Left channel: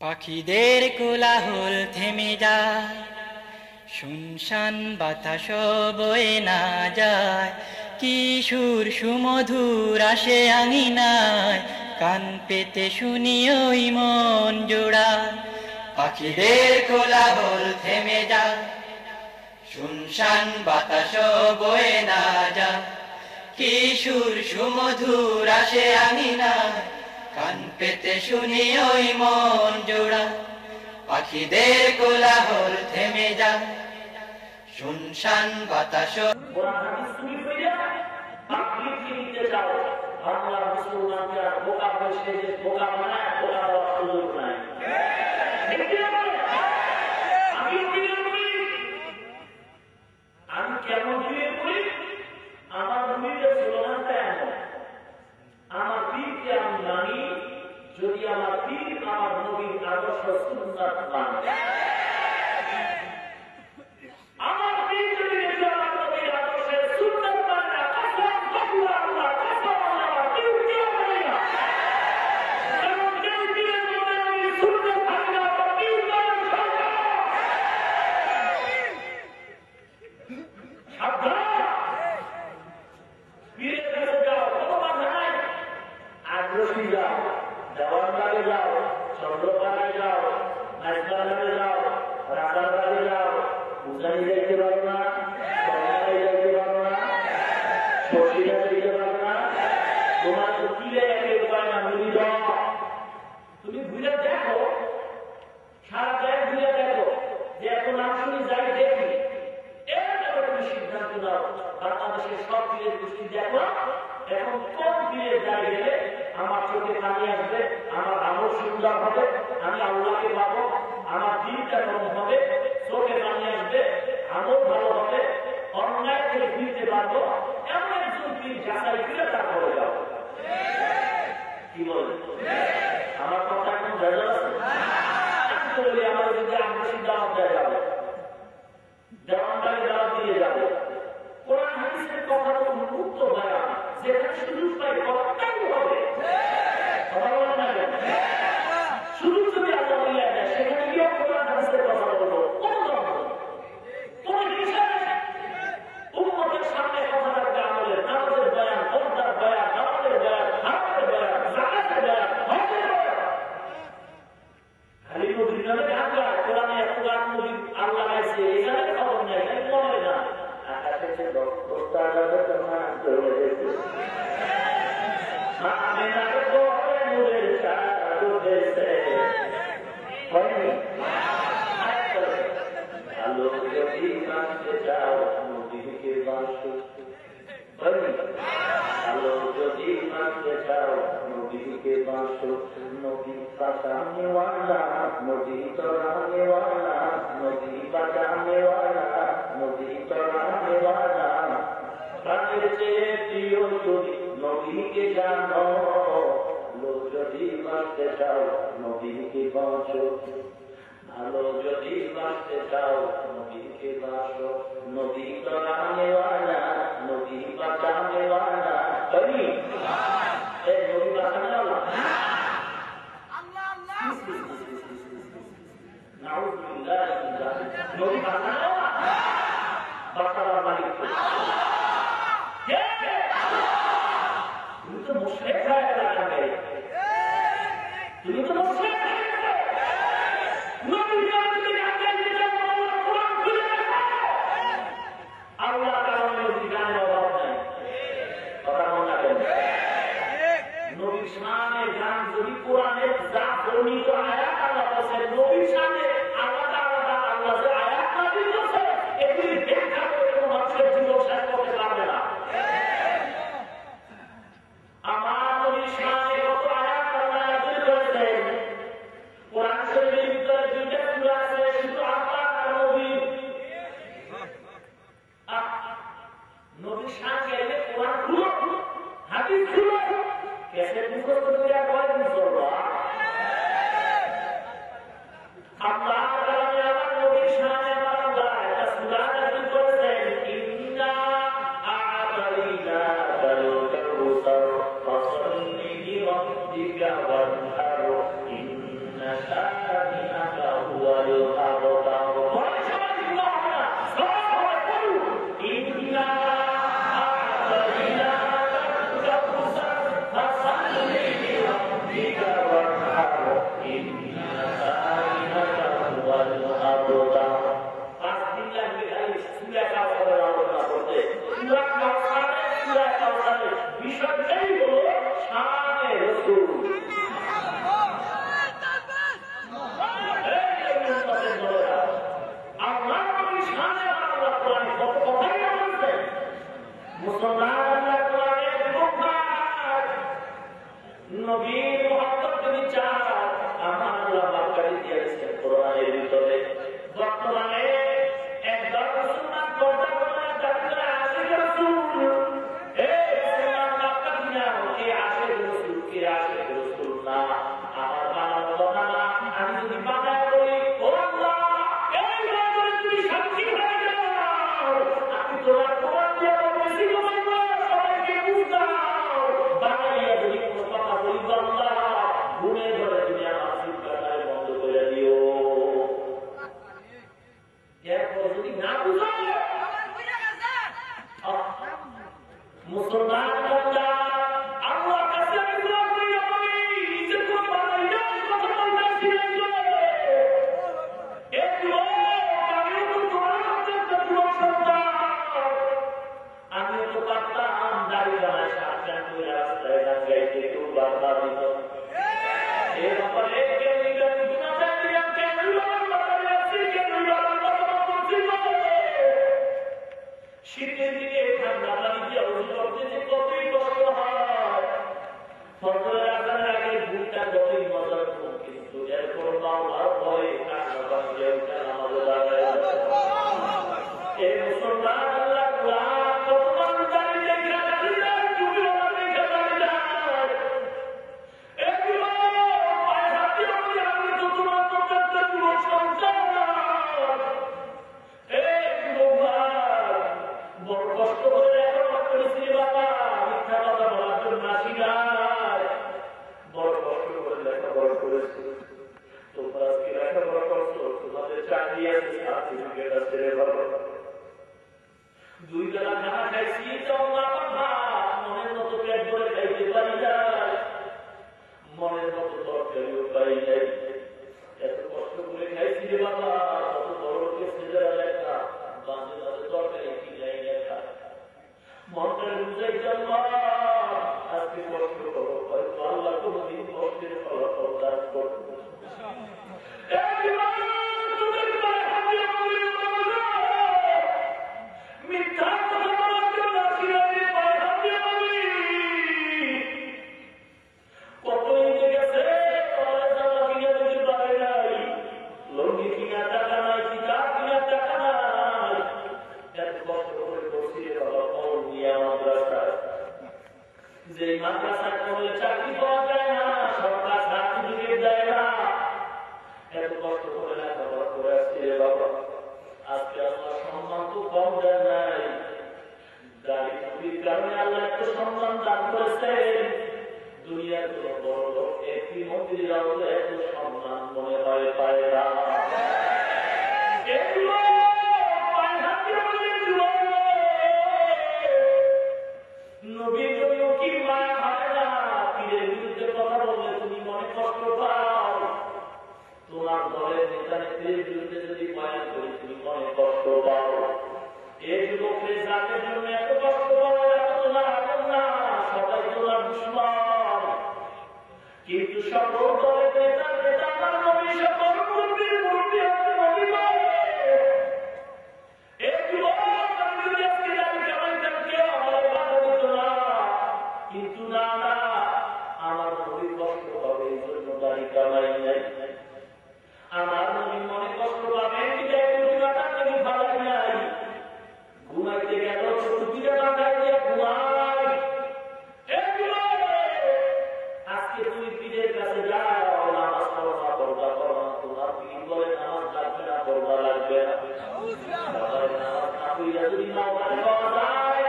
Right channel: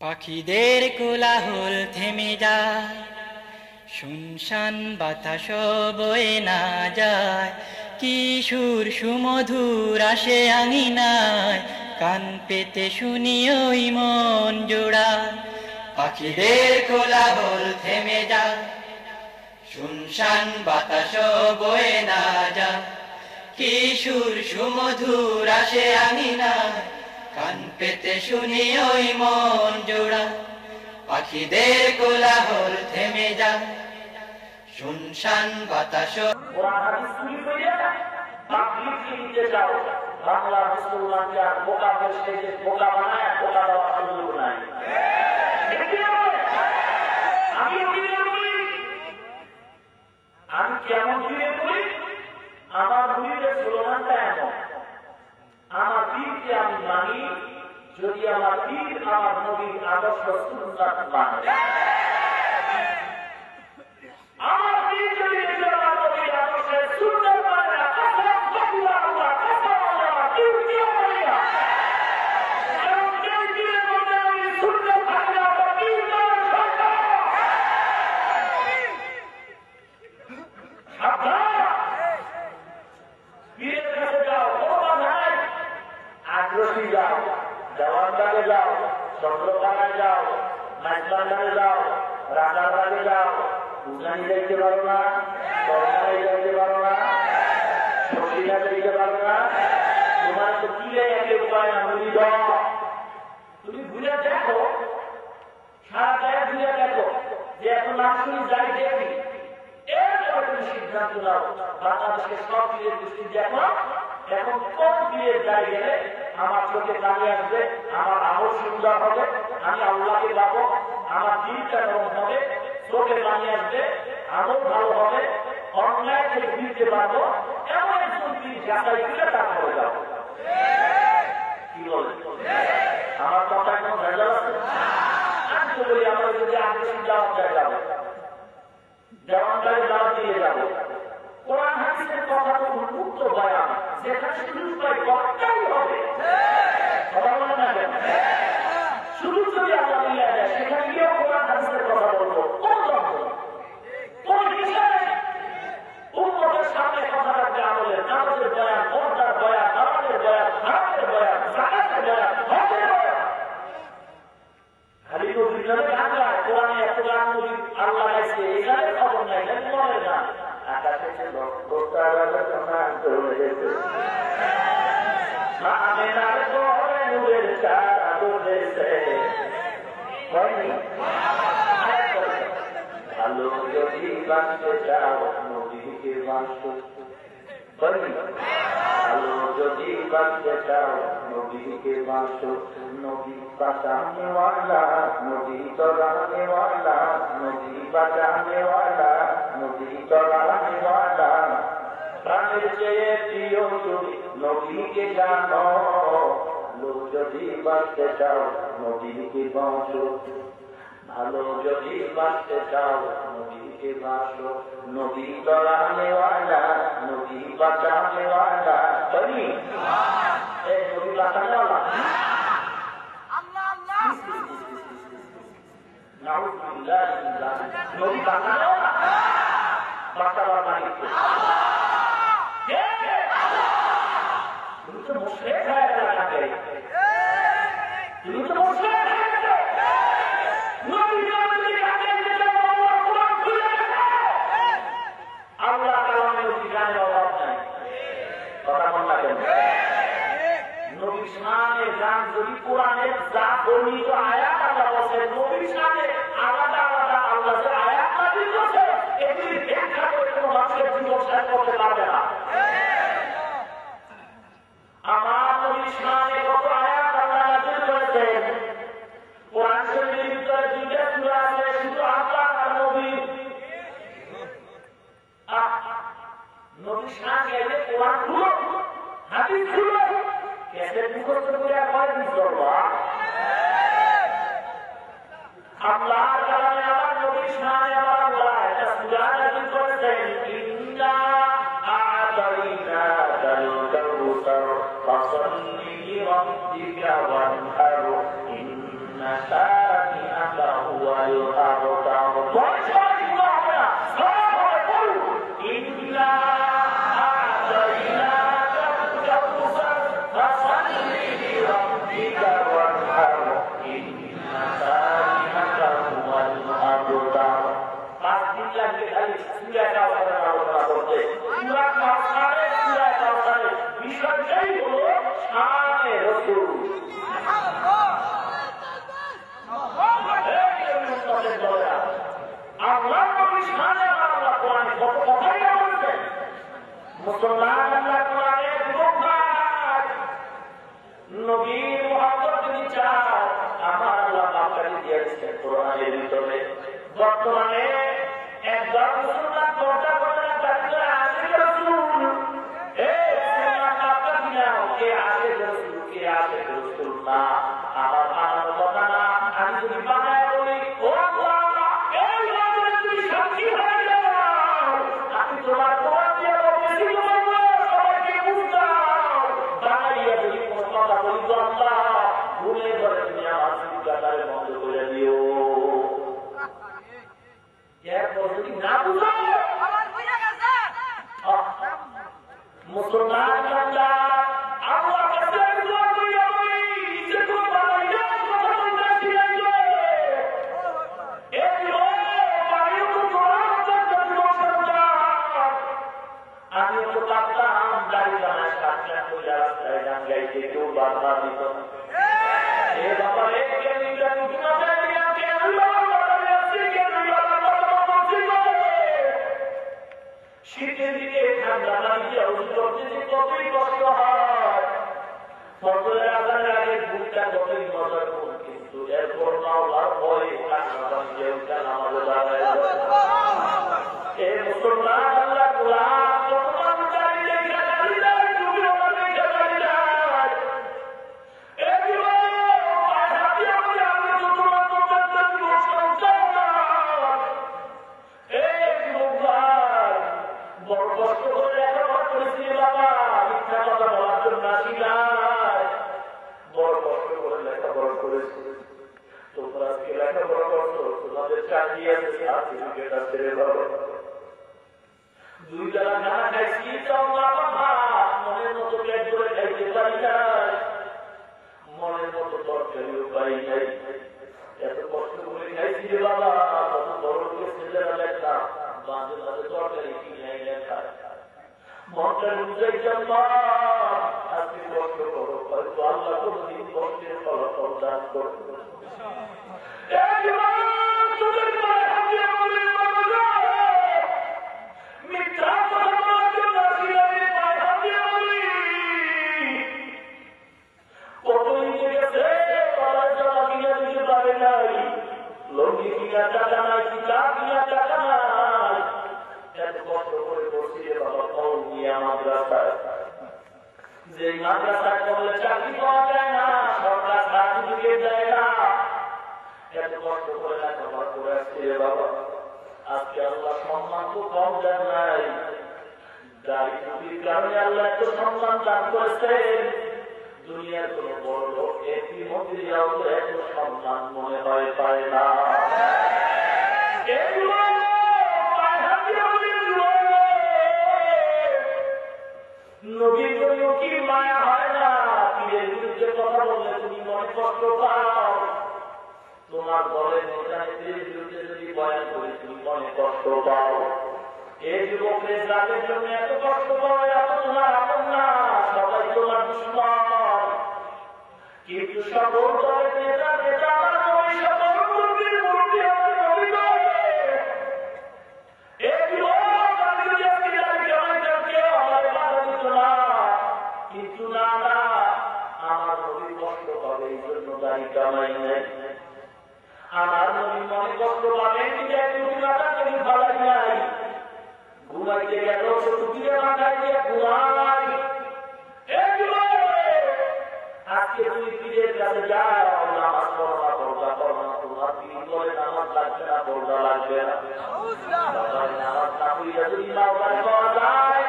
পাখিদের কোলাহল থেমে যায়, শুনশান বাতাস বয়ে না যায়, কিশোর সুমধুর আসে আঙিনায়, কান পেতে শুনি ওই মন জোড়ায়। পাখিদের কোলাহল থেমে যায়, শুনশান বাতাস বয়ে না যায়, কিশোর সুমধুর আসে আঙিনায়, কান পেতে শুনি ওই মন জোড়া। পাখিদের কোলাহল থেমে যায়, শুনশান বাতাস। কোরআন হাদিস তুমি কইরা পাবলিক লিখতে যাও, বাংলা মুসলমানকে আর বোকা বসে যে বোকা বানায়, বোকা দেওয়ার সুযোগ নাই। আমি কেমন ফিরে করি, আমার মুরিদের স্লোগানটা এমন, আমার পীরকে আমি মানি যদি আমার পীর আমার নবীর আদর্শ সুন্নাত মানে। আমার পীর যদি আমার নবীর আদর্শের সুন্নাত মানে না, কসম কবিরা আল্লাহ, কসম আল্লাহ, কেউ কেউ বলে না। কারণ কেউ পীরের মধ্যে নবীর সুন্নাত থাকে না, বা পীর মানে সরকার। সাবধান, পীরের কাছে যাও, কোনো বাধা নাই। আগ্রহী যাও, দেওয়ানবাগে যাও, চন্দ্রপাড়ায় যাও, নাইটবান্ডারে যাও, রাজারবাগে যাও, উজানি যাইতে পারো না, সরকারে যাইতে পারো না, শশীরা যাইতে পারো না, তোমার তো কিলে একে উপায় না, মুড়ি দাও। তুমি ঘুরে দেখো, সারা জায়গায় ঘুরে দেখো যে এত নাম শুনি যাই দেখি, এরপরে তুমি সিদ্ধান্ত নাও। বাংলাদেশের সব পীরের গোষ্ঠী দেখো, এখন কোন পীরের যাই গেলে আমার চোখে পানি আসবে, আমার আমল সুন্দর হবে, আমি আল্লাহকে পাবো, আমার দিনটা গরম হবে, চোখে পানি আসবে, আমল ভালো হবে, অন্যায় থেকে ফিরতে পারবো, এমন একজন পীর যাচাই করে তারপরে যাবো। কি বলে আমার কথা কোনো ভেজাল আছে? আমি তো বলি আমরা যদি আগ্রহী দাওয়াত দেয় যাবো, দেওয়ানদারে দাওয়াত দিয়ে যাবো। কোরআন হাদিসের কথা তো উন্মুক্ত বয়ান, যেখানে সুযোগ পাই কথাই হবে। কথা বলে না কেন? সুযোগ যদি আল্লাহ মিলিয়ে দেয়, সেখানে গিয়েও কোরআন হাদিসের কথা বলবো, কোন দ্বন্দ্ব, কোন হিসাবে উম্মতের সামনে কথা রাখবে আমলের, নামাজের বয়ান, পর্দার বয়ান, নামাজের বয়ান, হারামের বয়ান, জাকাতের বয়ান, হজের বয়ান। খালি নদীর নামে গান গায়, কোরআনে এত গান নদী আল্লাহ গাইছে, এই গানের খবর নেই, গান মনে না। আকাশে দোস্তা রাজার জমা চলে গেছে, আমি না করে নূরের চাঁদ উঠেছে। হয়নি? আলো যদি বাঁচতে চাও নদীকে বাঁচো, হয়নি? আলো যদি বাঁচতে চাও নদীকে বাঁচো, নদী বাঁচানে ওয়ালা, নদী চলানে ওয়ালা, নদী বাঁচানে ওয়ালা, নদী চলানে ওয়ালা। প্রাণের চেয়ে প্রিয় তুমি নদীকে জানো, লোক যদি বাঁচতে চাও নদীকে বাঁচো, ভালো যদি বাঁচতে চাও নদীকে বাঁচো, নদী চলানে ওয়ালা, নদী বাঁচানে ওয়ালা। নদী বাঁচানে ওয়ালা, নদী বাঁচানে ওয়ালা, বাঁচাবার মালিক তুমি তো মুশরিক হয়ে গেলে, তুমি তো মুশরিক হয়ে গেলে। আল্লাহ কালামের গানের অভাব নাই, কথা বলা কেন? নবীর শানে গান যদি কোরআনের যা বর্ণিত আয়াত আল্লাহ বলছেন, নবীর শানে আলাদা আলাদা আল্লাহ যে আয়াত নাযিল করেছে, এগুলি ব্যাখ্যা করে কোনো মানুষের জীবন শেষ করতে পারবে না। আমার নবীর শানে কত আয়াত আল্লাহ নাযিল করেছেন, কোরআন শরীফের ভিতরে দুইটা সূরা আছে, শুধু আল্লাহ আর নবী। নবীর শান গাইলে কোরআন খুলো, হাদিস খুলো, ক্যাসেট মুখস্থ করে কয়দিন চলবো? বিষয়টাই হলো শানে রাসূল। আল্লাহ নবীর শানে আল্লাহ কোরআনে কত কথাই বলছেন। মুসলমান আল্লাহ কোরআনে দুঃখার নবীর মুহাম্মদ যদি চান আমার আল্লাহ বাকারি দিয়েছেন কোরআনের ভিতরে। বর্তমানে একদল মুসলমান পর্দা করে না তাদের আশিক রাসূল। এই মুসলমান বাপা কিনা কে আশিক রাসূল কে আশিক রাসূল না আমার বানানো কথা না। আমি যদি বানায় বলি ও আল্লাহ এই বাজারে তুমি সাক্ষী হয়ে যাও, আমি তোমার কোরআন দিয়ে বলতেছি তোমার সবাইকে বুঝাও। বানাইয়া যদি কোনো কথা বলি আল্লাহ ঘুমে ধরে তুমি আমার চিন্তাটারে বন্ধ করে দিও। এরপর যদি না বুঝো মুসলমান বান্দা আল্লাহ কাছে দোয়া করি আমি নিজে তো বানাইয়া কথা বলতেছি না এগুলো আমিও তো তোমার আমি তো পারতাম দাঁড়িয়ে দাঁড়ায় সাতটা করে রাস্তায় গান গাইতে কেউ বাধা দিত এ ব্যাপারে কে নিজের শীতের দিকে ঠান্ডা পানি দিয়ে ওষুধ করতে যে কতই কষ্ট হয়। ফজরের আজানের আগে ভুলটা কতই মজার ভুল, কিন্তু এরপর আল্লাহর ভয়ে কান্না পানি দিয়ে ওটা নামাজে দাঁড়ায় এই মুসলমান আল্লাহ কোরআন কত মানুষ দাঁড়িয়ে দেখা দাঁড়িয়ে যায় তুমি ওরা দেখা দাঁড়িয়ে যায় এগুলো পায়ে হাতে আমি তো তোমার প্রত্যেকটা জীবন সন্তান বড় কষ্ট করে লেখাপড়া করেছি বাবা, মিথ্যা কথা বলার জন্য আসি নাই। বড় কষ্ট করে লেখাপড়া করেছি, তোমরা আজকে লেখাপড়া করছো, তোমাদের চাকরি আছে সার্টিফিকেট আছে রে বাবা। 2 বেলা খানা খাইছি তাও বাবা মনের মতো পেট ভরে খাইতে পারি নাই, মনের মতো তরকারিও পাই নাই। এত কষ্ট করে খাইছি রে বাবা, কত বড় লোকের ছেলেরা লেখা বাজে বাজে তরকারি কিনে লেখা মনটা বুঝাইতাম আজকে কষ্ট করো, হয়তো আল্লাহ কোনদিন কষ্টের ফলাফল দান করবো। মিথ্যা কথা বলার জন্য কত ইয়ে গেছে জামা কিনা দিতে পারে নাই, লঙ্গি কিনা টাকা নাই, কিতাব কিনা টাকা নাই। এত কষ্ট করে পড়ছি রে বাবা কল নিয়ে মাদ্রাসায়, যে মাদ্রাসায় করলে চাকরি পাওয়া যায় না, সরকার সার্টিফিকেট দেয় না। এত কষ্ট করে লেখাপড়া করে আসছি রে বাবা, আজকে আল্লাহ সম্মান তো কম দেন নাই, দাঁড়িয়ে কারণে আল্লাহ এত সম্মান দান করেছেন। দুনিয়ার কোন বড় লোক একটি মন্দিরাও এত সম্মান মনে হয় পায় না। নবীর জন্য কি মায়া হয় না, পীরের বিরুদ্ধে কথা বললে তুমি মনে কষ্ট পাও, তোমার দলের নেতা নেত্রীর বিরুদ্ধে যদি বয়ান করি তুমি মনে কষ্ট পাও। এই যুবকের জাতের জন্য এত কষ্ট পাও, এত তোমার আপন না, সবাই তোমার দুশ্মন। কিন্তু সকল দলের নেতা নেতা আমার নবী সকল মুরব্বির মুরব্বি হতে নবী করে। এই যুবক আমি যদি আজকে জানি কেমন কেউ আমার বাধা দিত না, কিন্তু না না আমার নবী কষ্ট পাবে এই জন্য দাড়ি কামাই নেই। আমার নবী মনে কষ্ট পাবেন তুমি ভালাই নাই, ঘুমাইতে গেল টুপিতে মাথায় দিয়ে ঘুমাই। আজকে তুমি পীরের কাছে যাও, নামাজ পড়ো না, পর্দা করো না, তোমার পীর বলে নামাজ লাগবে না, পর্দা লাগবে না। নামাজ না পড়িয়া যদি মাওলায় পাওয়া যায়,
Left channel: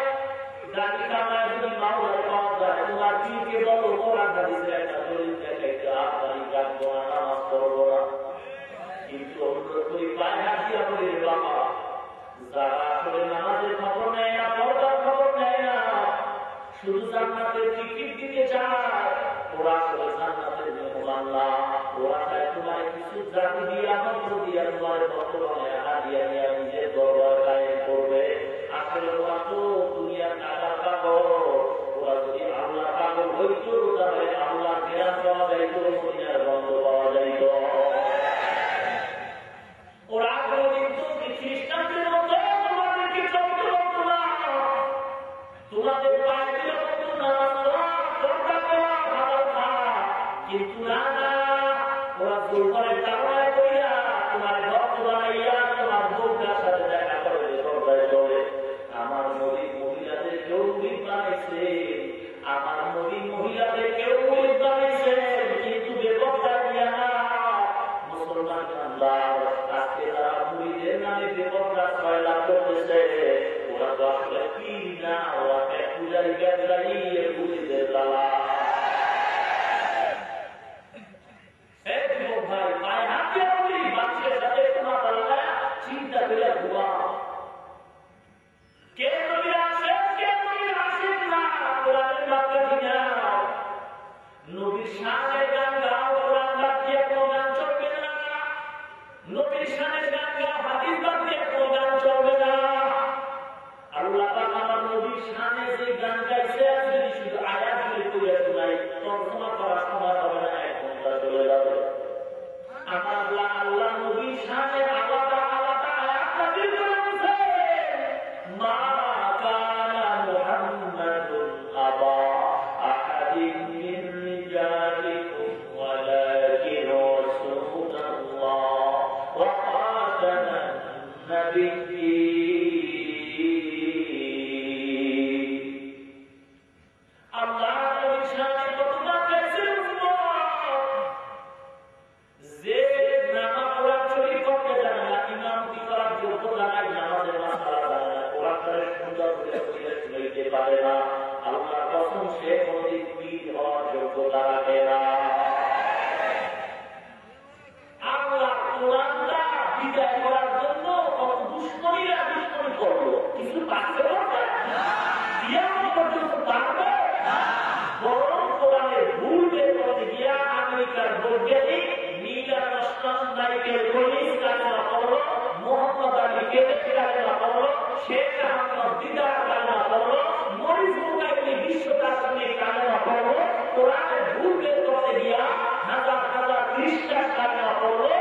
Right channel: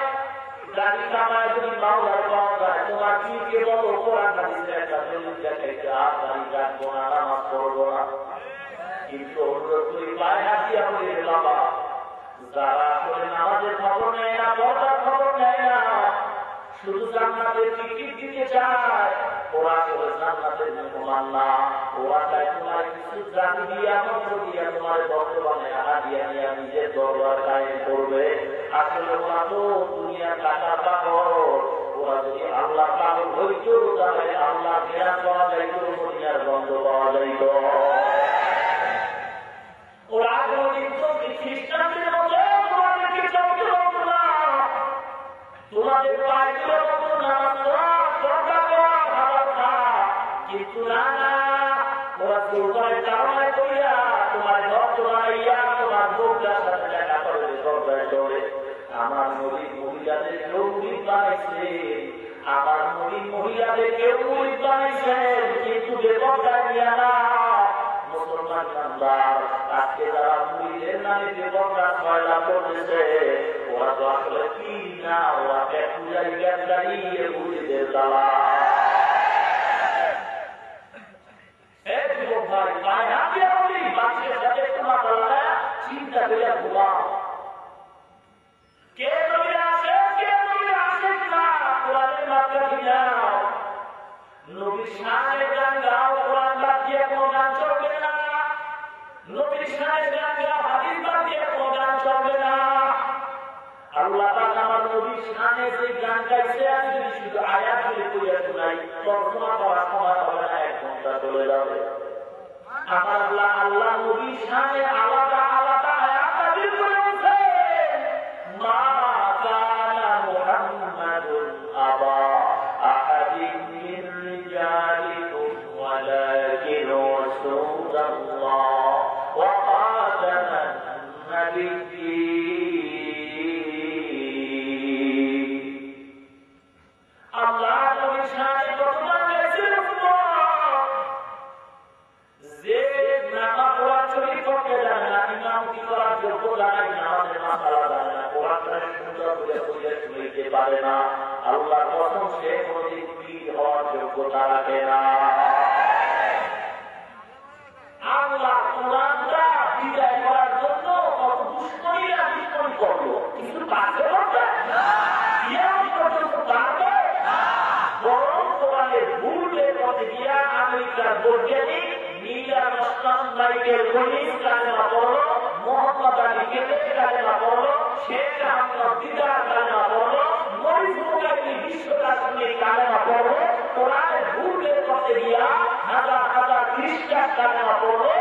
দাড়ি কামায় যদি মাওলায় পাওয়া যায়, তোমার পীরকে বলো কোরআন হাদিসের একটা দলিল দেখাইতে হাত পানি রাখবো না, নামাজ পড়বো না। কিন্তু অনুরোধ করি পায়ে হাতিয়া বলি বাবা, যারা আসলে নামাজের খবর নেয় না, পর্দার খবর নেয় না, শুধু জান্নাতের টিকিট দিতে চায়, ওরা আসলে জান্নাতের মেহমান না। ওরা চায় তোমার কিছু জাতি দিয়ে আমন্ত্র দিয়ে তোমার বর্তমানে হাদিয়া নিয়ে নিজের দরবার কায়েম করবে। আসলে ওরা তো দুনিয়ার টাকা পাগল। ওরা যদি আল্লাহ পাগল হইত তাহলে আল্লাহ জ্ঞান পাওয়া যাইত, দুনিয়ার গন্ধ পাওয়া যাইত। ওরা কোনদিন তো খ্রিস্টানদের মতো তোমাদেরকে চলতে হতো না, তোমাদের পায়গুলো মতো নামাজ পড়া করা ভালো খা। কিন্তু না না, ওরা দুর্বলের কারণে কইরা তোমার ভক্ত বানাইয়া তোমার বউটার সাথে দেখা করবে, দরজায় চলে। আমার নবীর মহিলাদের কেউ মুরিদ বানাইছে, আমার নবীর মহিলাদের কেউ মুরিদ বানাইছেন, কিন্তু বেপরদা দিয়া না। মুসলমান বান্দার আজকে যারা মুরিদের নামে বেপরদা ময়লা করতেছে, ওরা তো আসলে কি না, ওরা পূজারি গ্যাসদারি মুরিদের দালা। ভাই পায়ে হাত দিয়ে বলি, মানুষের সাথে তোমার চিন্তা করে ঘুমা। কে নবী আসে, কে নবী আসে না, কোরআনের মাত্রা কিনা নবীর শানের গান গাও, কোরআন বাদ দিয়ে কোনো গান চলবে না। নবীর শানের গান গাও, হাদিস বাদ দিয়ে কোনো গান চলবে না। আল্লাহ পাক আমার নবীর শানে যে গান গাইছে, যদি শুধু আয়াতগুলি পড়ে শোনাই, তর্জমা করা সময় হবে না, 1 ঘন্টা চলে যাবে। আমার আল্লাহ আল্লাহ নবীর শানে আলাদা আলাদা আয়াত নাযিল করেছেন। মা কানা মুহাম্মাদুন আবা আহাদিন মিন রিজালিকুম ওয়ালাকিন রাসূলুল্লাহ ওয়া খাতামান নাবিয়্যিন। আল্লাহ নবীর শানে কতবার গাইছেন যে নামাজ পড়ার শরীর করতে জানে না, ইমামতি করার যোগ্যতা নাই, নামাজের মাসালা জানে না, কোরআনের সুন্দর করে পড়ে শুনতে পারে না, আল্লাহর কসম সে কোনদিন পীর হওয়ার যোগ্যতা রাখে না। আল্লাহ কোরআনটা বিদায় করার জন্য কত দুশ্মনীরা দুশ্মনী করলো, কিছু পারবে না, পর্যন্ত পারবে না। বরং কোরআনের ভুল বের করতে গিয়া আমেরিকার বৈজ্ঞানিক মাইকেল কলিন্স কালেমা পড়লো, মোহাম্মদ আলী কেলেক কালেমা পড়লো, শেখ আহমদ দিদার কালেমা পড়লো, মরিস মুকাইলি বিশ্বকাশনী কালেমা পড়লো। কোরআনের ভুল বের করতে গিয়া হাজার হাজার খ্রিস্টান কালেমা পড়লো।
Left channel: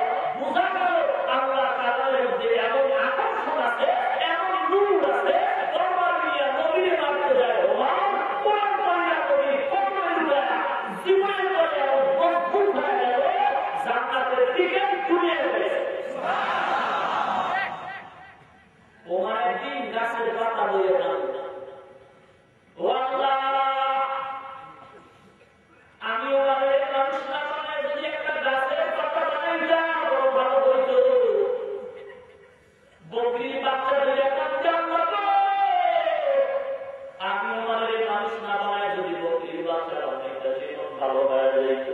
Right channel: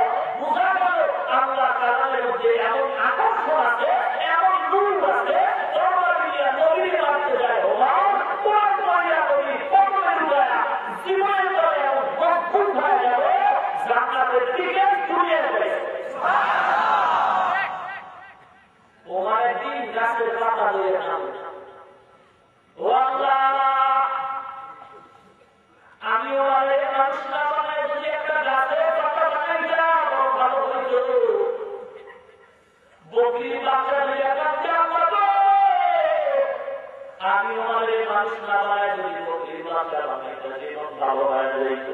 বোঝা গেল আল্লাহ কালামের মধ্যে এমন আকর্ষণ আছে, এমন নূর আছে, দরবার নিয়ে নবীর মারতে যায় ওমান, কোরআন পড়িয়া নবী কবরের যায় জীবনের পরে এমন মজবুত হয়ে গেল, জান্নাতের দিকে ঘুরিয়ে দেয়। ওমানের দিন গাছের পাতা লইয়ে নামে, ও আল্লাহ আমি ওমানের মানুষ না বানায় যদি একটা গাছের পাতা বানাইতাম বড় ভালো হইত। বকরির বাচ্চা যদি একটা আমি ওমানের মানুষ না বানায় যদি বকরির বাচ্চা বানাইতাম, জীবন ভালো হয়ে যেত।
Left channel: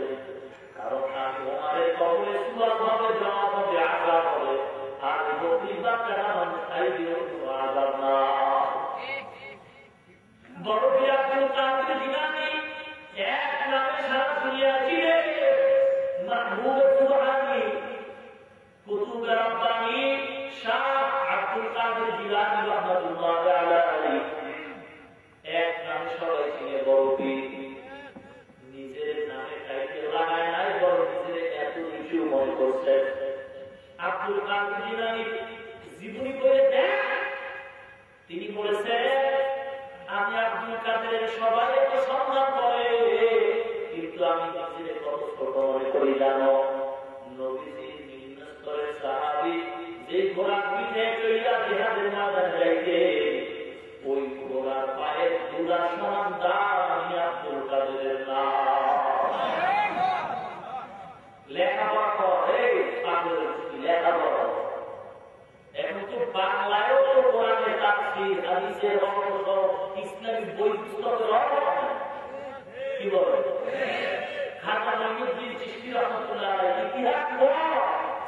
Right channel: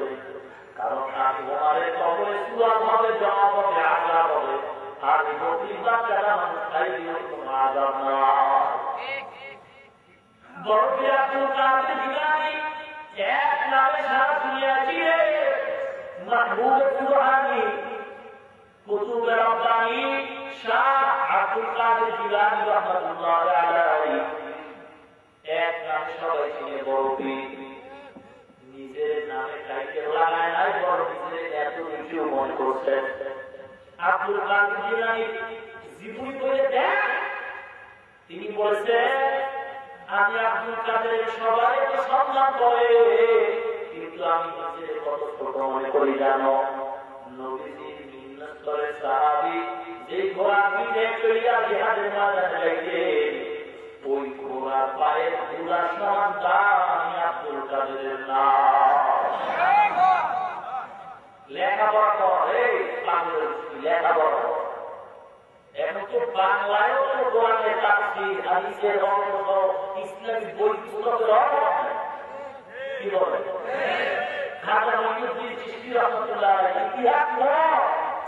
কারণ আমি ওমানের কবরে সুয়াল হবে, জমা হবে, আঘাত হবে, আর বকরির বাচ্চারা মানুষ খাই দিল কোনো আঘাত না। বড় আব্দুল কাদের জিলানী এক নামে সারা দুনিয়া চিনে, মাহবুব সুবহানী, কুতুব রব্বানী শাহ আব্দুল কাদের জিলানী রাহমাতুল্লাহ আলাইহি, এক নামে সবাই চিনে বড় পীর। নিজের নামে টাইটেল লাগায় নাই, বড় নিজের এত কিছু মন করছে। আব্দুল কাদের জিলানী জীবনী পড়ে দেখ, তিনি বলেছেন আমি আব্দুল কাদের সবাই তো সম্মান করে, কিন্তু আমি নিজের কত ছোট মনে করি জানো। নবীজির মিন্নাতের সাহাবী যে ঘোড়ার পিঠে চড়িয়া জিহাদের ময়দানে যাইতে, ওই ঘোড়ার পায়ের ধুলার সমান দাম আমি আব্দুল কাদের না। লেখাপড়া করে লেখাপড়া এখন তো বাংলায়ও তো কোরআনের তাফসীর, হাদিসের অর্থ, ইসলামী বই পুস্তকের অভাব নাই। কি বলে খাতা মহিউদ্দিন চিশতি রহমতুল্লাহ আলাইহি ইতিহাস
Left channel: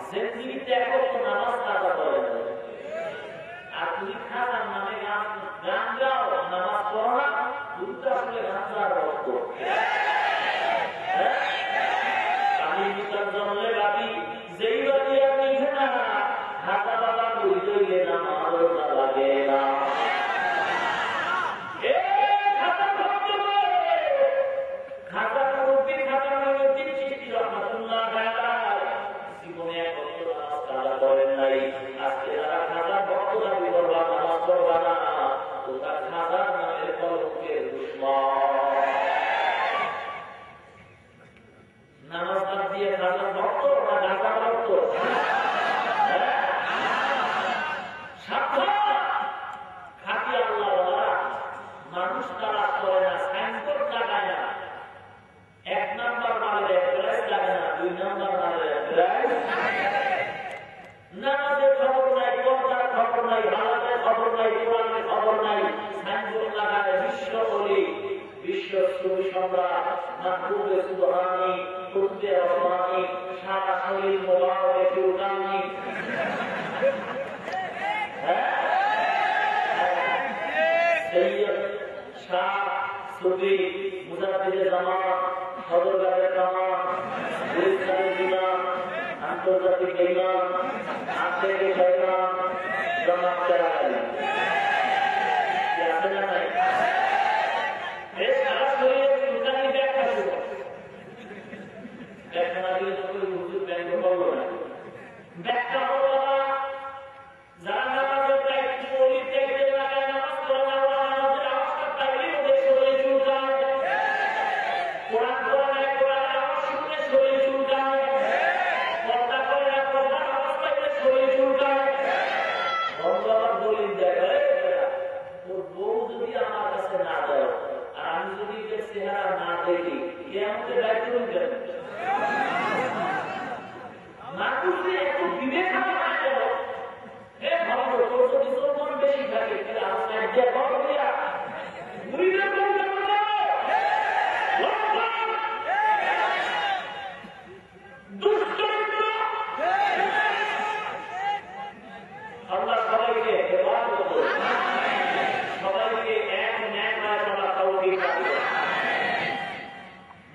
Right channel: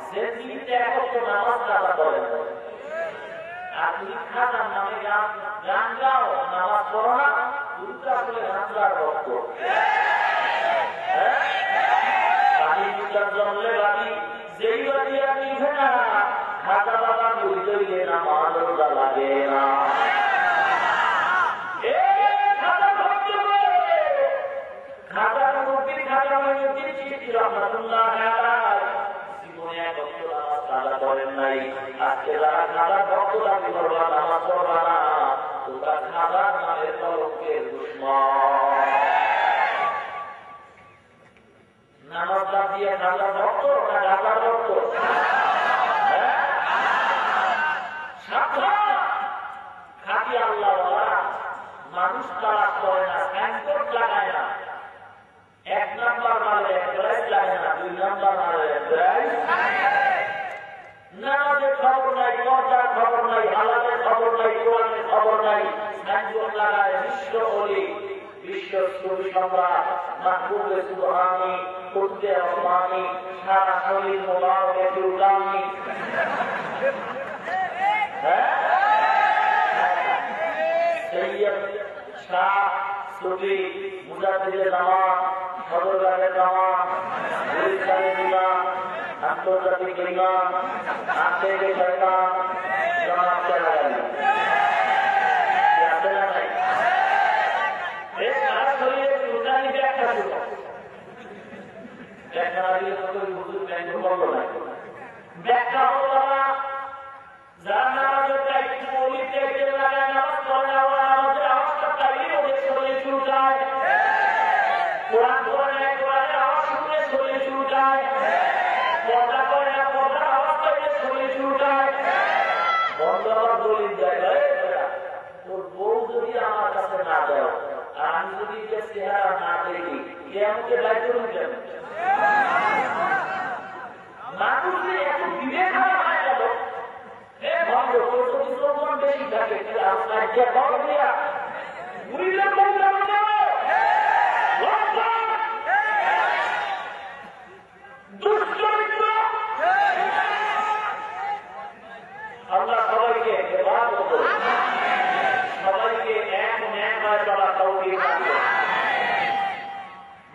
জিন্দেগিতে একত্র নামাজ কাজা করেন আর তুমি খাজার নামে গান গাও নামাজ পড়ো না দুটা আসলে গাঞ্জার রক্ত পানি ভিতর জমলে বাতি যেই বাতি আর নিভে না খাজা বাবা বুঝলে নামাজ রোজা লাগে না খাজার মুক্তির খাজা মঈনুদ্দিন চিশতি রহমাতুল্লাহ আলাইহি জীবনে একত্র নামাজ কাজা করেন নাই আজকে যারা খাজার ভক্ত দাবি করবা নামাজ পড়বা না তোমরা খাজার নামের কলঙ্কের দুশমন নামাজ বাদ দিয়ে খাজার ভক্ত না ঢাকার ভক্ত সাবধান খাঁটি আল্লাহওয়ালা মানুষ তালাশ করে না সাইনবোর্ড লাগায় না এক নাম্বার মালের এক প্রাইস লাগে না দুই নাম্বার মালের এক প্রাইস নামাজের খবর নাই পর্দার খবর নাই হালাতের খবর নাই কোরআনের খবর নাই সাইনবোর্ড লাগায় বিশ্ব অলি বিশ্ব কবি সম্রাট মাহবুব সুবহানি কুতুবে ওসমানী সারা শরীর মোবারকে ফিরুজানি সৈয়দ শাহ সুফি মুজাদ্দিদে জামান সদরগাহে জামান গুলিস্তানে দিলাম আন্তর্জাতিক ইমান আন্তর্জাতিক শয়তান জামাত চালাগালি আছে না নাই এই সারা শরীরে ফিরুজানি ব্যাখ্যা ছিল ব্যাখ্যা না দিলে তো হুজুর ব্যাখ্যা করলো না ব্যাখ্যা হলো যারা নামাজের দায়িত্ব অলির দায়িত্বে লাগায় নামাজ পড়ে না ওরা নামাজের আওয়াজটা পাইলে ওদের শরীর চুলকায় কোরআন পড়ে না কোরআনের আওয়াজ শুনলে শরীর চুলকায় পর্দা করে না পর্দার আওয়াজ পাইলে শরীর চুলকায় বন্ধ আমার দলিল দেয় তোর বউ যদি আমার কাছে না যায় আর আমি যদি যে চেহারা না দেখি কেমনকে দায়িত্ব কেন মানুষ এত বিবেক হয় গেল বেশি থাকে আল্লাহ সবাইকে সবাইকে এক ন্যায় করা তৌফিক দান করুন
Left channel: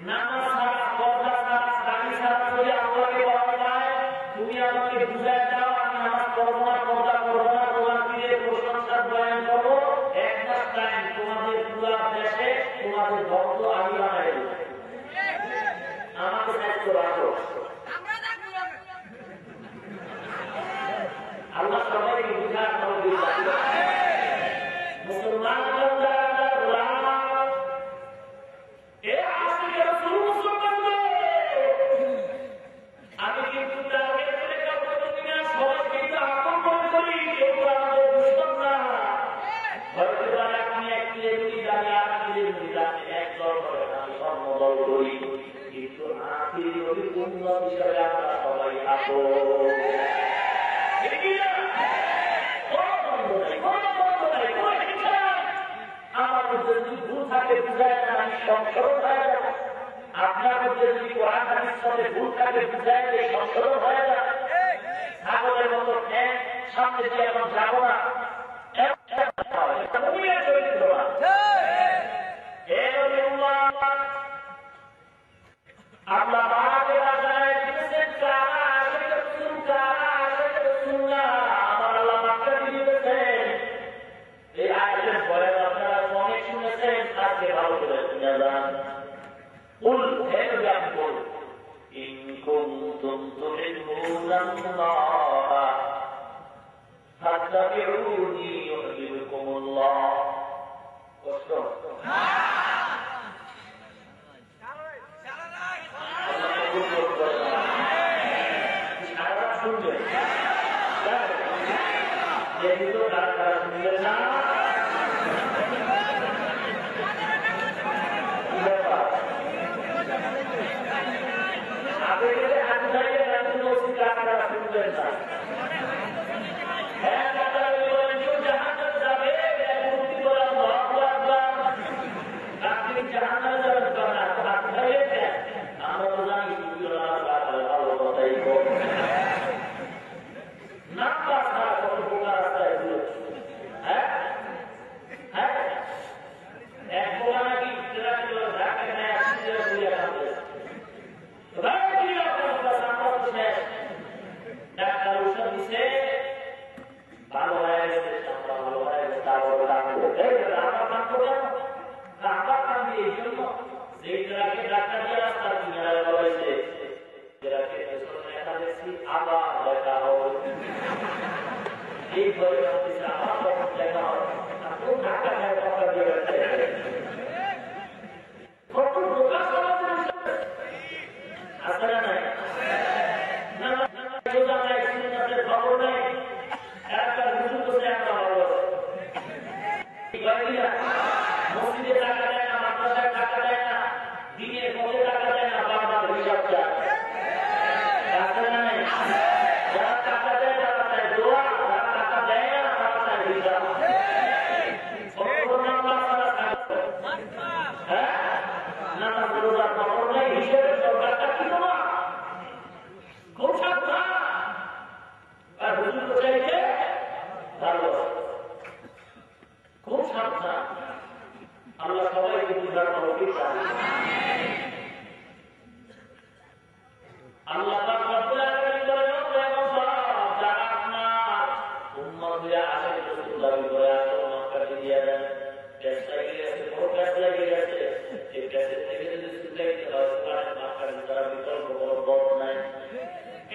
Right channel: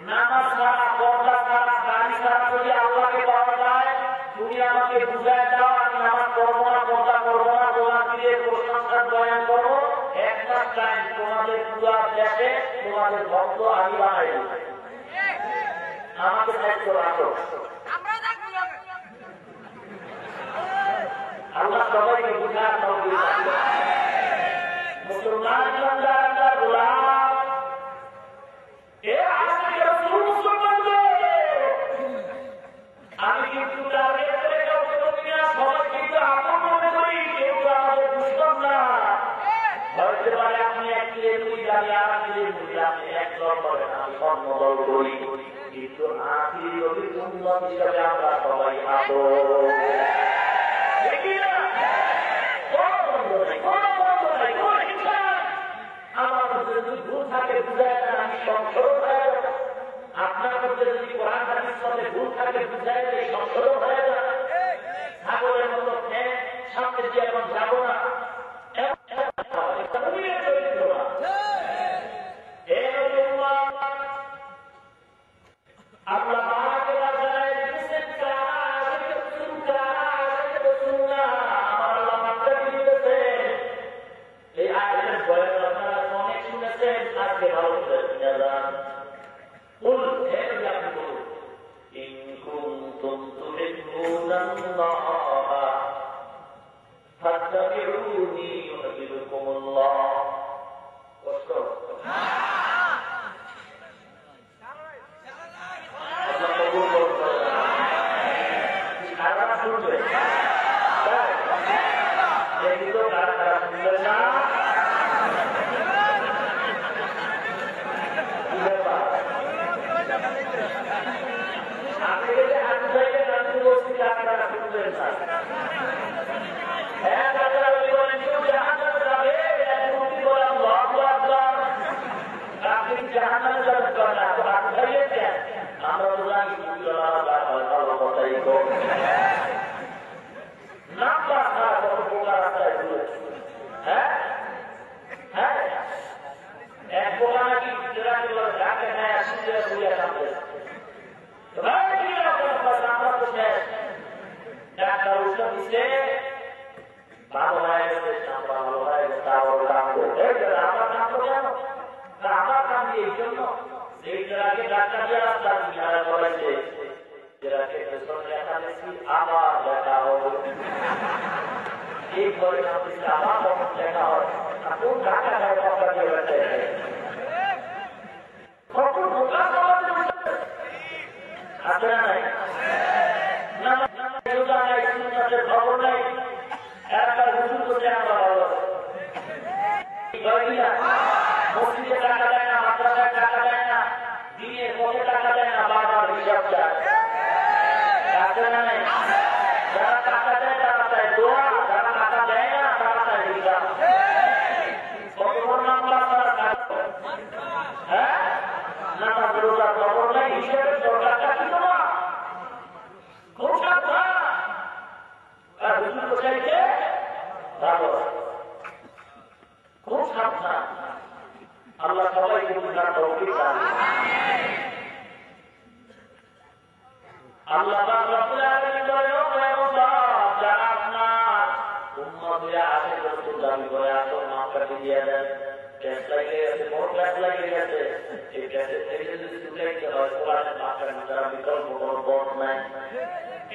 নামাজ ছাড়া পর্দা ছাড়া দাড়ি ছাড়া যদি আল্লাহকে পাওয়া যায় তুমি আমাকে বুঝায় দাও আমি নামাজ পড়বো না পর্দা করবো না তোমার পীরের প্রশংসার বয়ান করবো একটা টাইম তোমাদের পুরা দেশে তোমাদের ভক্ত আমি বানাই আমাকে দায়িত্ব রাখো আল্লাহ সবাইকে বুঝার তৌফিক দান করুন মুসলমান আমি কিন্তু তার ভেতরে কাউকে বলি না সবাই কিন্তু আপন মনে করি কেউ তো আমাদের দুশ্মন না হয়তো পারে আপনি এক কিলোমিটার জানি আর কিলোমিটার আপনি একদল করেন আমি কর্মদল করি কিন্তু আখিরি অভিজ্ঞতা হিসাবে আমরা সবাই আপন আমার মধ্যে যদি ভুল থাকে বুঝায় না আমি সংসদ হয়ে যাব আপনার মধ্যে যদি কোরআন হাদিস সাথে ভুল থাকে বুঝায় যে সংসদ হয়ে যায় সাগরের মতো সামনে দিয়ে এখন যাবো না আল্লাহ বাবাকে জানায় দিয়েছেন আমার আল্লাহ বাচ্চা দিয়েছেন এই আয়াতের বয়ান আপনারা অনেক শুনেছেন আজকে ভালো করে শুনে যান قل هذا قل إن كنتم تحبون الله فاتبعوني يحببكم الله আমরা তো জানি ভালো হয়ে গেছে, সামনে ভালো হয়ে গেছে, আবার কাঁদবে। এই যে আমার কাঁদবো কেন? আমার কাঁদি এই জন্য যে আগে ডাক্তার দিয়ে রাস্তা কিনারা বলেছে যেটাকে দেখা দেখছি আবার দেখা হবে। এই ঘরে আমার তখন দেখা হয় কোন ডাক্তার কথা দিয়ে গেছে কখন প্রকাশ করা আছে না নাই খবর নেই একটা হুজুর করে আমরা ভালো মসজিদে টাকা দেয় না, মাদ্রাসায় টাকা দেয় না, দিনে কত টাকা দেয় না, বারবার হিসাব চায় আছে না নাই? যারা টাকা দেয় তারা চায় দোয়া, যারা টাকা দেয় না তারা চায় হিসাব। হ্যাঁ না খবর নেই, হিসেবের সরকারটা কি তোমার খুব সাবধান। আর হুজুর চাইছে ভালো, খুব সাবধান। আল্লাহ সবাইকে বুঝার তৌফিক দান করুন। আল্লাহ পাক রব্বুল আলামিন বলেন, ও মুসা, যারা আপনার উম্মত হয়ে আসে রাসূল দাবি করে আসো, মাফকাটি দিয়ে দেন। টেস্ট লাগিয়ে গেছে, বড় টেস্ট লাগিয়ে গেছে, এই টেস্টের থেকে যদি ছুটাইতে হয় কোরআনের মাফকাটি ছাড়া বিকল্প কোনো পথ নাই।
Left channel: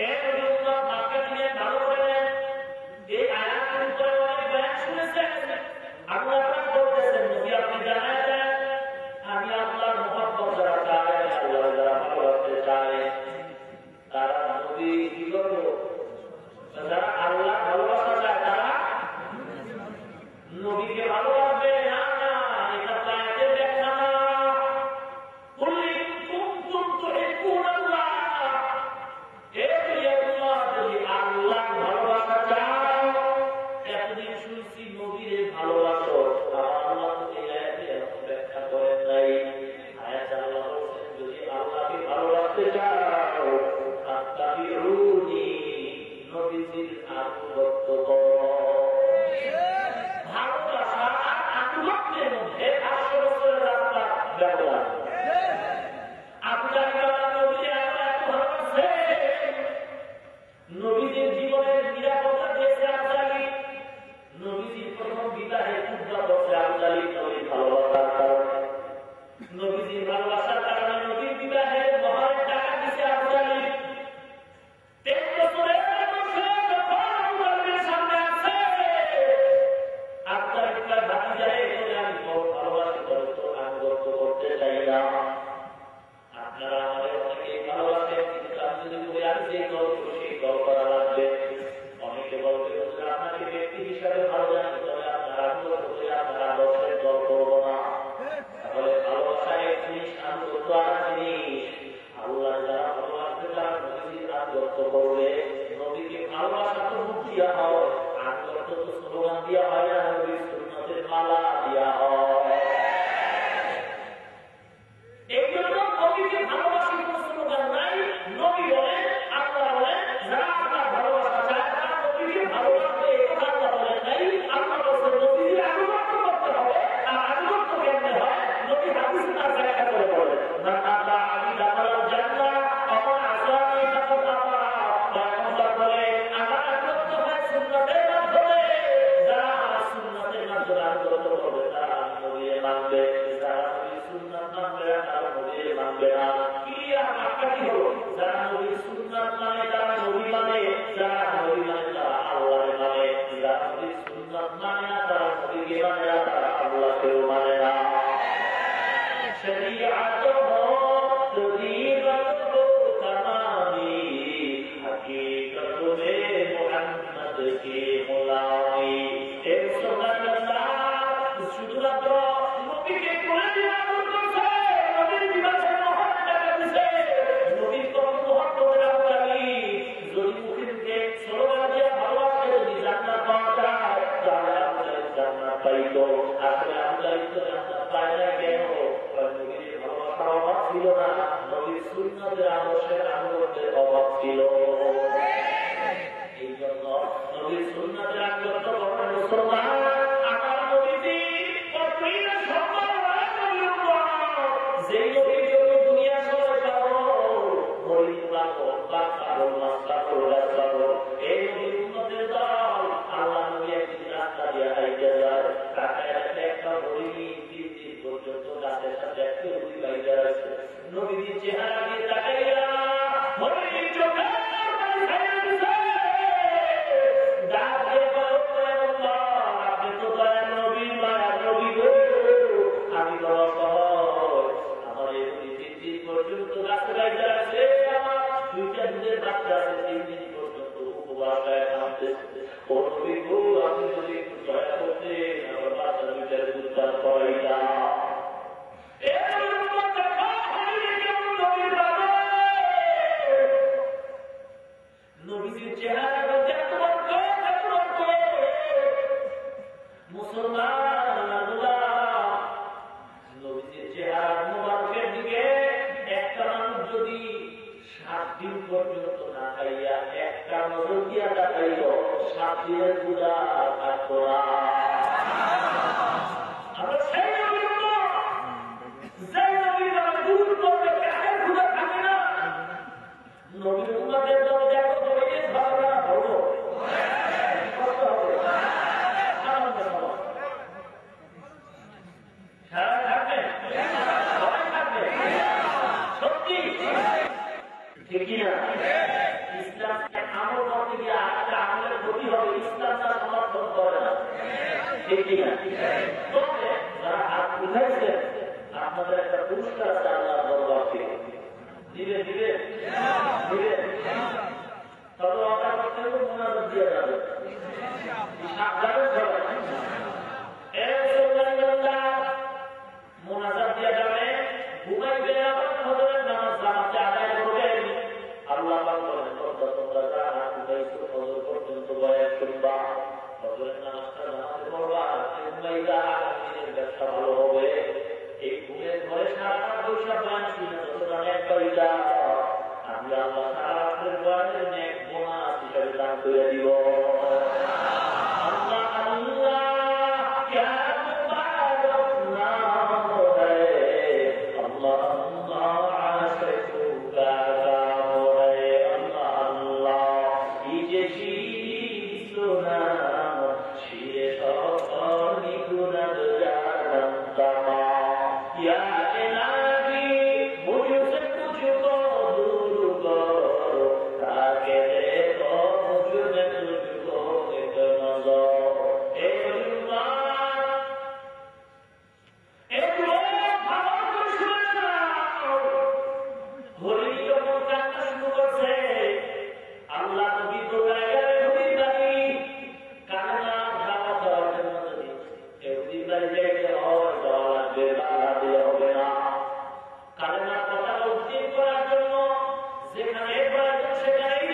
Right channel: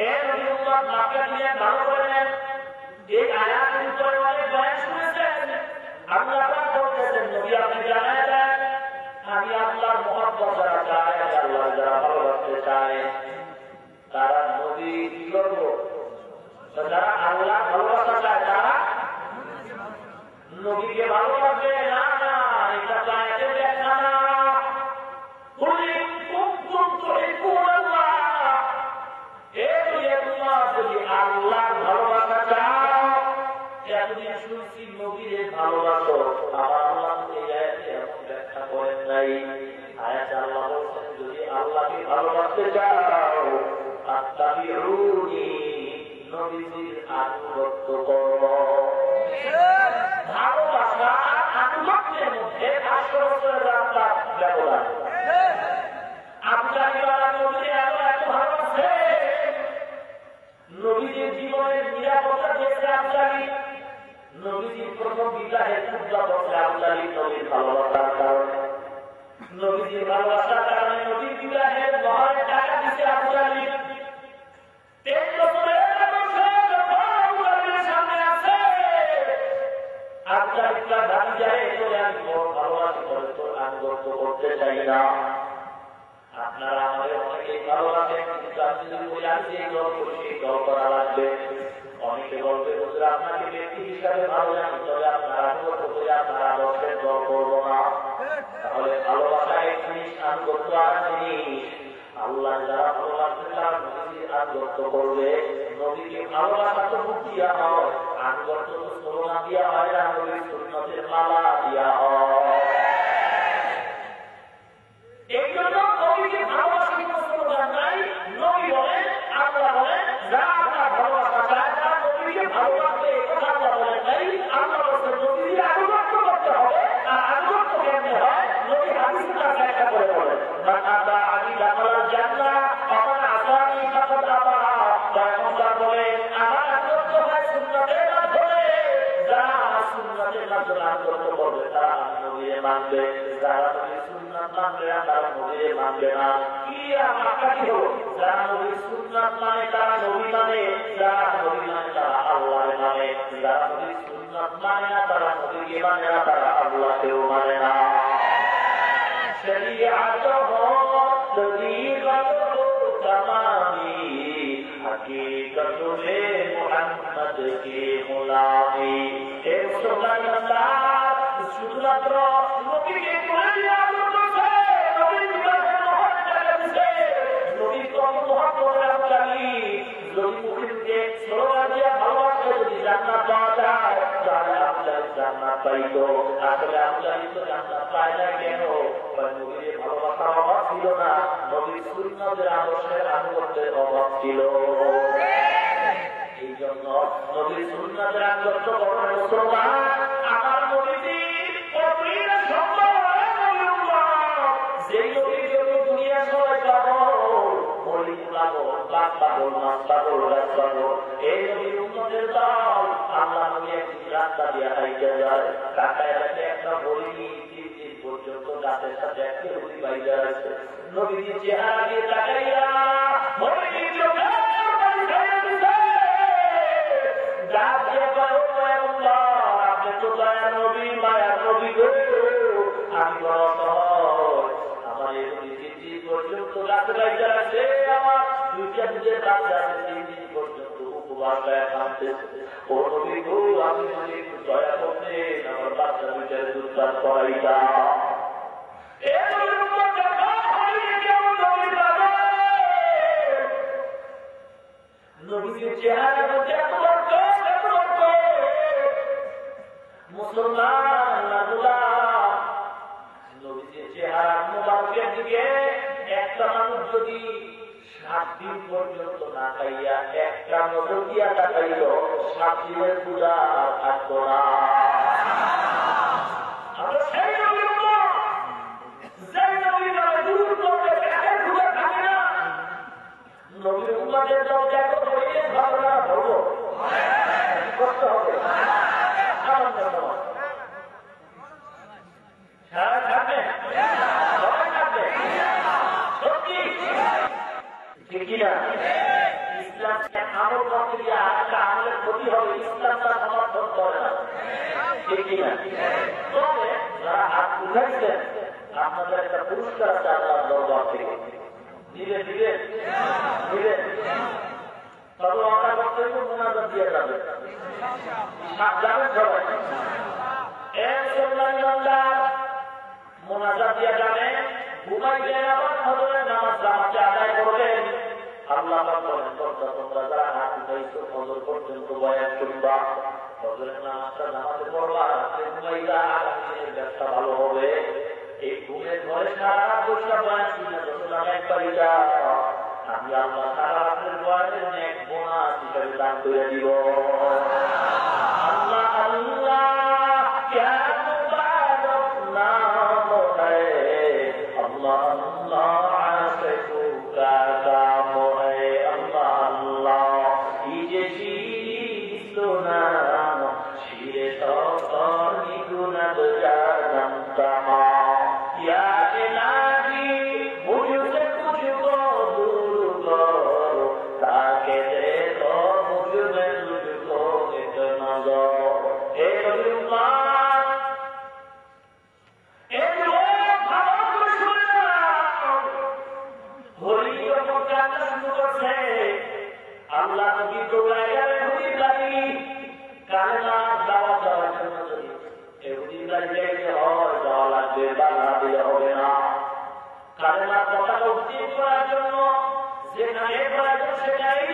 এই নবী উম্মত মাফকাটি নিয়ে ভালো করে নেন। এই আয়াতের উপরে অনেক বয়ান শুনেছেন। আল্লাহ পাক বলতেছেন, নবী আপনি জানায় দেন আমি আল্লাহর মহব্বত যারা চায়, আল্লাহ যারা ভালোবাসতে চায় তারা নবী কি করবো, যারা আল্লাহ ভালোবাসা চায় তারা নবীকে ভালোবাসবে না। না, এটা চাইতে দেখা না। যদি আল্লাহ ভালোবাসা চাও, এতদিন শুনছি নবীরে ভালোবাসো, আল্লাহ ব্যাখ্যা করেন নাই। আয়াতে আল্লাহ বলছেন যদি আল্লাহকে ভালোবাসতে চাও আত্তাবিউনি, নবীজির আনুগত্য করো। ভালোবাসা আর আনুগত্যের মধ্যে 800 বছরের রাস্তা ব্যবধান। আপনার নবীকে এত ভালোবাসে, নবীজির জীবনের নিরাপত্তা দিয়েছে আবদালি। নবীজির প্রথম বিবাহের পূজা বছরে আবদালি নবীর ভালোবাসার কারণে, নবীজির ভালোবাসার কারণে নবীর বিবাহের মহানের টাকা দিচ্ছে আবদালি। 3 বছরের সামনে আছে আবদালিটা ভাবি যায় বলে আমি তোর ভালোবাসি করে তোর আনুগত্য করতে চাই না। আপনারা আমাদের অনেকেই ভালোবাসেন, কিন্তু আপনি যদি বলে আমি যে দল করি সেই দল করা লাগবে। অনেকে বলবে হুজুর আপনাকে ব্যক্তি হিসাবে ভালো জানি, তবে আপনার আনুগত্য করে আপনার আদর্শের দল করবো না। তাহলে ভালোবাসা এক জিনিস, আনুগত্য আর জিনিস। আল্লাহ যারা ভালোবাসবে তারা নবীর আনুগত্য করবে। নবীকে ভালোবাসা তো মুখ দিয়া হয়, আনুগত্য তো স্লোগান দিয়া হয় না, নবীর সুন্নতের মালা দিয়া হয়। এই জন্য নবীকে ভালোবাসি কোনো স্লোগান নাই। নবী বলেন, আল্লাহ বলেন, যারা আপনার ভালোবাসা চায় তারা নবীকে ভালোবাসবে। আল্লাহ বলেন নাই, আল্লাহ বলেন নবীকে আনুগত্য করতে হবে। আর আনুগত্য কেমনে হয়? নবী হাদিসে তার ব্যাখ্যা করে বলেন, মান আতা আলী দাখালাল জান্নাহ অমান আসানি ফাকাদ আবা। পয়গম্বর বলেন আমার আনুগত্য হয় সুন্নতের মাধ্যমে। যারা আমার সুন্নতের মাধ্যমে আনুগত্য করবে তারা নবীকে মানবে। যারা নবীর সুন্নাত মানবে না তারা নবীকে মানবে না। কি মাপকাঠি হলো? যারা নবীর সুন্নাত মানে তারা নবী মানে, যারা নবী মানে তারা আল্লাহ মানে। যারা নবীর সুন্নাত মানে না তারা নবীকে মানে না, তারা আল্লাহকেও মানে না। শরীয়ত হো তরিকত হো তামামি, হকীকত মে মুহাম্মদ কি গোলামি। হে সুবহানাল্লাহ, শুধুমাত্র নবীকে কোলে দিয়ে আনুগত্য করছে, নবীর বিবাহের মহৎ টাকা দিছে, নবীর কর্মমহৎ আবদালি। যদি মুখে স্লোগান দিয়ে ভালোবাসা যদি জান্নাত পাওয়া যায় তাহলে আবদালি জান্নাত পাইতো। আসলে আবদালি তো জান্নাত পায় না কেন? নবীর ভালোবাসার অভাব ছিল না, নবীর সুন্নতের আদর্শের আনুগত্যের অভাব ছিল। এই জন্য নবীর সুন্নতের আনুগত্য করার মুসলমান আমার নবীজি যেই নবীর জন্য দুনিয়া সবাই পাগল, মরিচ পাগল, বাঘ পাগল, মাছ পাগল, গাছ পাগল, এই নবীর উম্মতের দল। আল্লাহ নবী রাস্তা দিয়ে হাইতে যায়, টাকায় রাখে একটা বড়ি 3 দিন পর্যন্ত রাতের সাথে একটা হুদি বাইরে আছে। নবীজির চেহারা দিয়ে তাকাইয়া বড়ি চোখে ডাক দিয়ে বলো আল্লাহ, আপনি তো দয়ার নবী, মায়ার নবী গো, আমি বড় অসহায়, আমার এই হুদি 3 দিন পর্যন্ত রাতে বাইরে আছে, আমার 2টা দুধের বাচ্চা আছে, 3 দিন পর্যন্ত উপবাস নামতেছে। ও নবী গো, আপনি যদি একটু দয়া করতেন, আমার বাচ্চা 2টার দুধ চাষ করাইতা। নবীজির চেহারা মধ্যে মুসলমান নবীজির চেহারা মুবারকের দিকে একটা মানুষ যদি 7 দিন পর্যন্ত না খাইয়া একটা নজর দিয়া তাকাইল, 7 দিনের পূজা থাকতো না। আমরা সেই নবীর উম্মত, যে নবীর নামে দূর করতে পেটের ক্ষুধা থাকে না। নবীর উম্মতের দরজা কত হইলে ভালো না হলো কষ্ট হবে সারা থাকবে, সবাই থাকবে, সত্যি ঠিকই না? ইসলামকে আমল করতে গিয়ে একটা আমলের ক্ষতি হবে, ইসলাম তার সমর্থন করে না, ঠিকই না? তবে যারা হাত উঠাইছেন আপনাদের একটা পুরস্কার আছে আল্লাহর দরবার থেকে, ধীরে ধীরে ধীরে তবে অর্ডার করতে মোনাজাত দিয়ে যাবে, যাবেন সবাই মোনাজাত দিয়ে যাবে, ঘুমাইতে আবার ফজরের নামাজ জামাতে আদায় করবেন। আল্লাহ বলেন তোমরা যারা হাত উঠাইছো ফজর পর্যন্ত বয়ান শুনবা, ফজরের নামাজটা নামাজে পড়বা, রাতে ঘুমাইলা, আগামী দিনের ব্যবসা ভালো হবে। এই ঘুমের ঘরে সারা বৈশা বয়ান শুনে যত টাকা একবারই যাও, আমি আল্লাহ সারা রাতের বয়ানের অনেক বোনাস হিসাবে দান করে দিব। আল্লাহ আল্লাহ যেখানে